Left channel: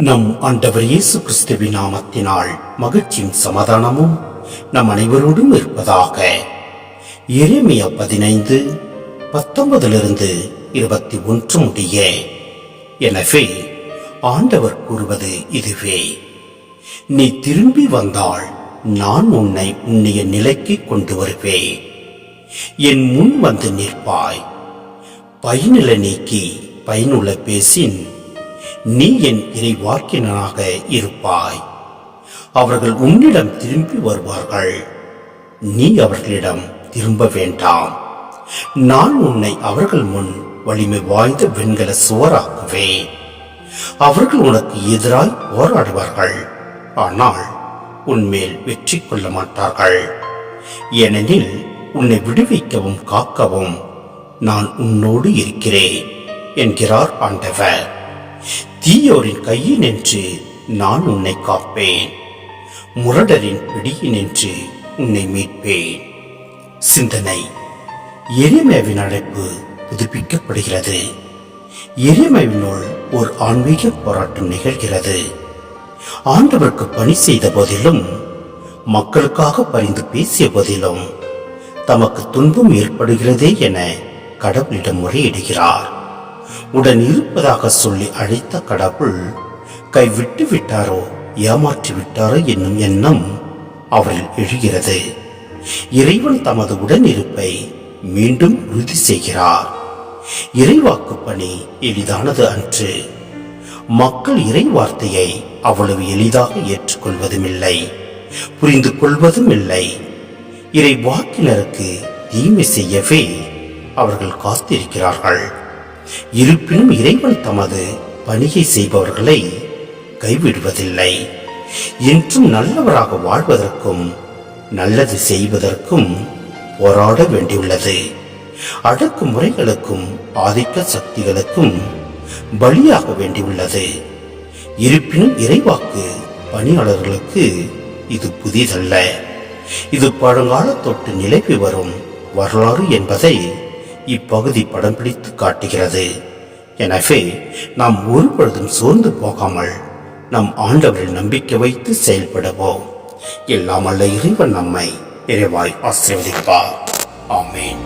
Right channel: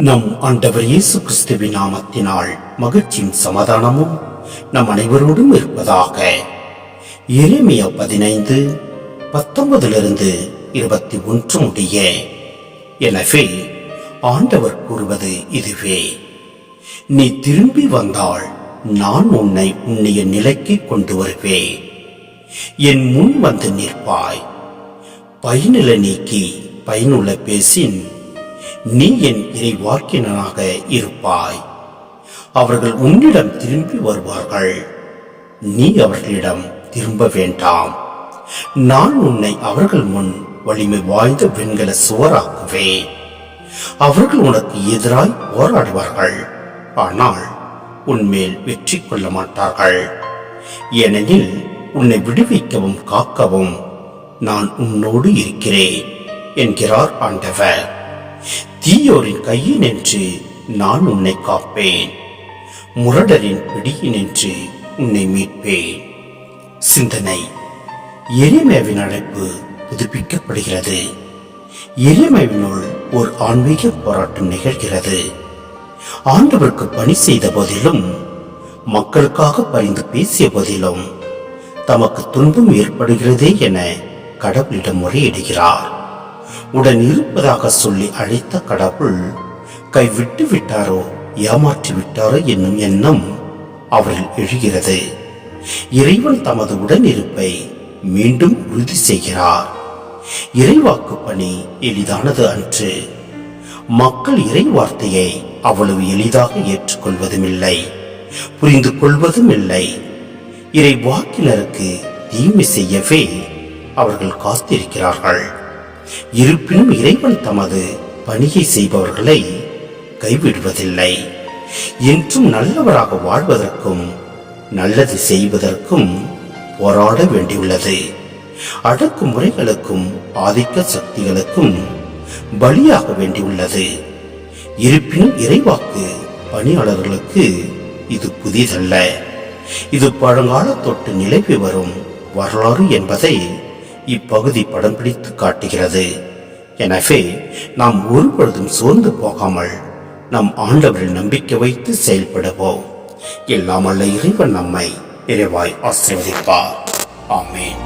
நம் ஆண்டவர் இயேசு கிறிஸ்துவின் நாமத்தினால் மகிழ்ச்சியும் சமாதானமும் நம் அனைவரோடும் இருப்பதாக. எரேமியா பதினைந்து பத்தொன்பதிலிருந்து இருபத்தி ஒன்று முடிய. எனவே ஆண்டவர் கூறுவது இதுவே. நீ திரும்பி வந்தால் நான் உன்னை உன்னைய நிலைக்கு கொண்டு வருவேன். என் முன் வந்து நிற்பாய். பயனில நீக்கி பயனுள்ள பேசின் நீ என் இறைவாக்கினனாக இருப்பாய். அவர்கள் உன்னிடம் திரும்பி வருவார்கள். நீ அவர்களிடம் திரும்ப வேண்டாம். நான் உன்னை அவர்கள் முன் வலிமை வாய்ந்த வெண்கல சுவராக்குவேன். அவர்கள் உனக்கு எதிராய் போராடுவார்கள். ஆனால் உன்மேல் வெற்றி கொள்ள மாட்டார்கள். ஏனெனில் உன்னை விடுவிக்கவும் காக்கவும் நான் உன்னோடு இருக்கிறேன் என்கிறார் ஆண்டவர். தீயோரின் கையினின்று நான் உன்னை காப்பேன். முரடரின் பிடியினின்று உன்னை மீட்பேன். சிந்தனை. எரிமேவின் அழைப்பு புதுப்பிக்கப்படுகிறது. எரிமேவினுள் ஒரு ஆன்மீக போராட்டம் நிகழ்கிறது. ஆண்டவருக்கு பணி செய்த போதிலும் மக்களுக்காக பரிந்து பேசிய போதிலும் தமக்கு துன்பம் ஏற்படுகிறதே என கடவுளிடம் முறையிடுகிறார். உடன் இருப்பதாக சொல்லி அழைத்த கடவுள் கைவிட்டு விட்டாரோ ஏமாற்றி விட்டாரோ என்னும் எண்ணம் அவரில் எழுகிறது. இறைவன் தமது உடனிருப்பை மீண்டும் உறுதி செய்கிறார். இறைவாக்கு பணி எளிதானது அன்று. மக்கள் இறை வார்த்தையை அவ்வளவு எளிதாக ஏற்றுக்கொள்வதும் இல்லை புரிந்து கொள்வதும் இல்லை இறை வாக்கினருக்கு தீமை செய்யவே அவர்கள் காத்திருக்கிறார்கள். இருப்பினும் இறைவன் தமது பணியை செய்பவர்களை கைவிடுவதில்லை. என்றும் நல்லவராக வாழ்வதற்கும் நல்லது செய்வதற்கும் போராட வேண்டியுள்ளது. அடக்கு முறைகளுக்கும் ஆதிக்க சக்திகளுக்கும் பலியாக வேண்டியுள்ளது. இருப்பினும் இறைவாக்கு பணியாளர்களுக்கு இது புதிதல்ல. இது பழங்கால தொட்டு நிலவி வரும் வரலாறு என்பதை இப்பகுதி படம் பிடித்து காட்டுகிறது. எனவே நாம் ஒருபொழுதும் சோர்ந்து போகாமல் நம் ஆண்டவரில் நம்பிக்கை வைத்து செயல்படுவோம். இல்லாமல்ல இறைவன் நம்மை இறைவாய் ஆசிர்வதிப்பார். ஆமேன்.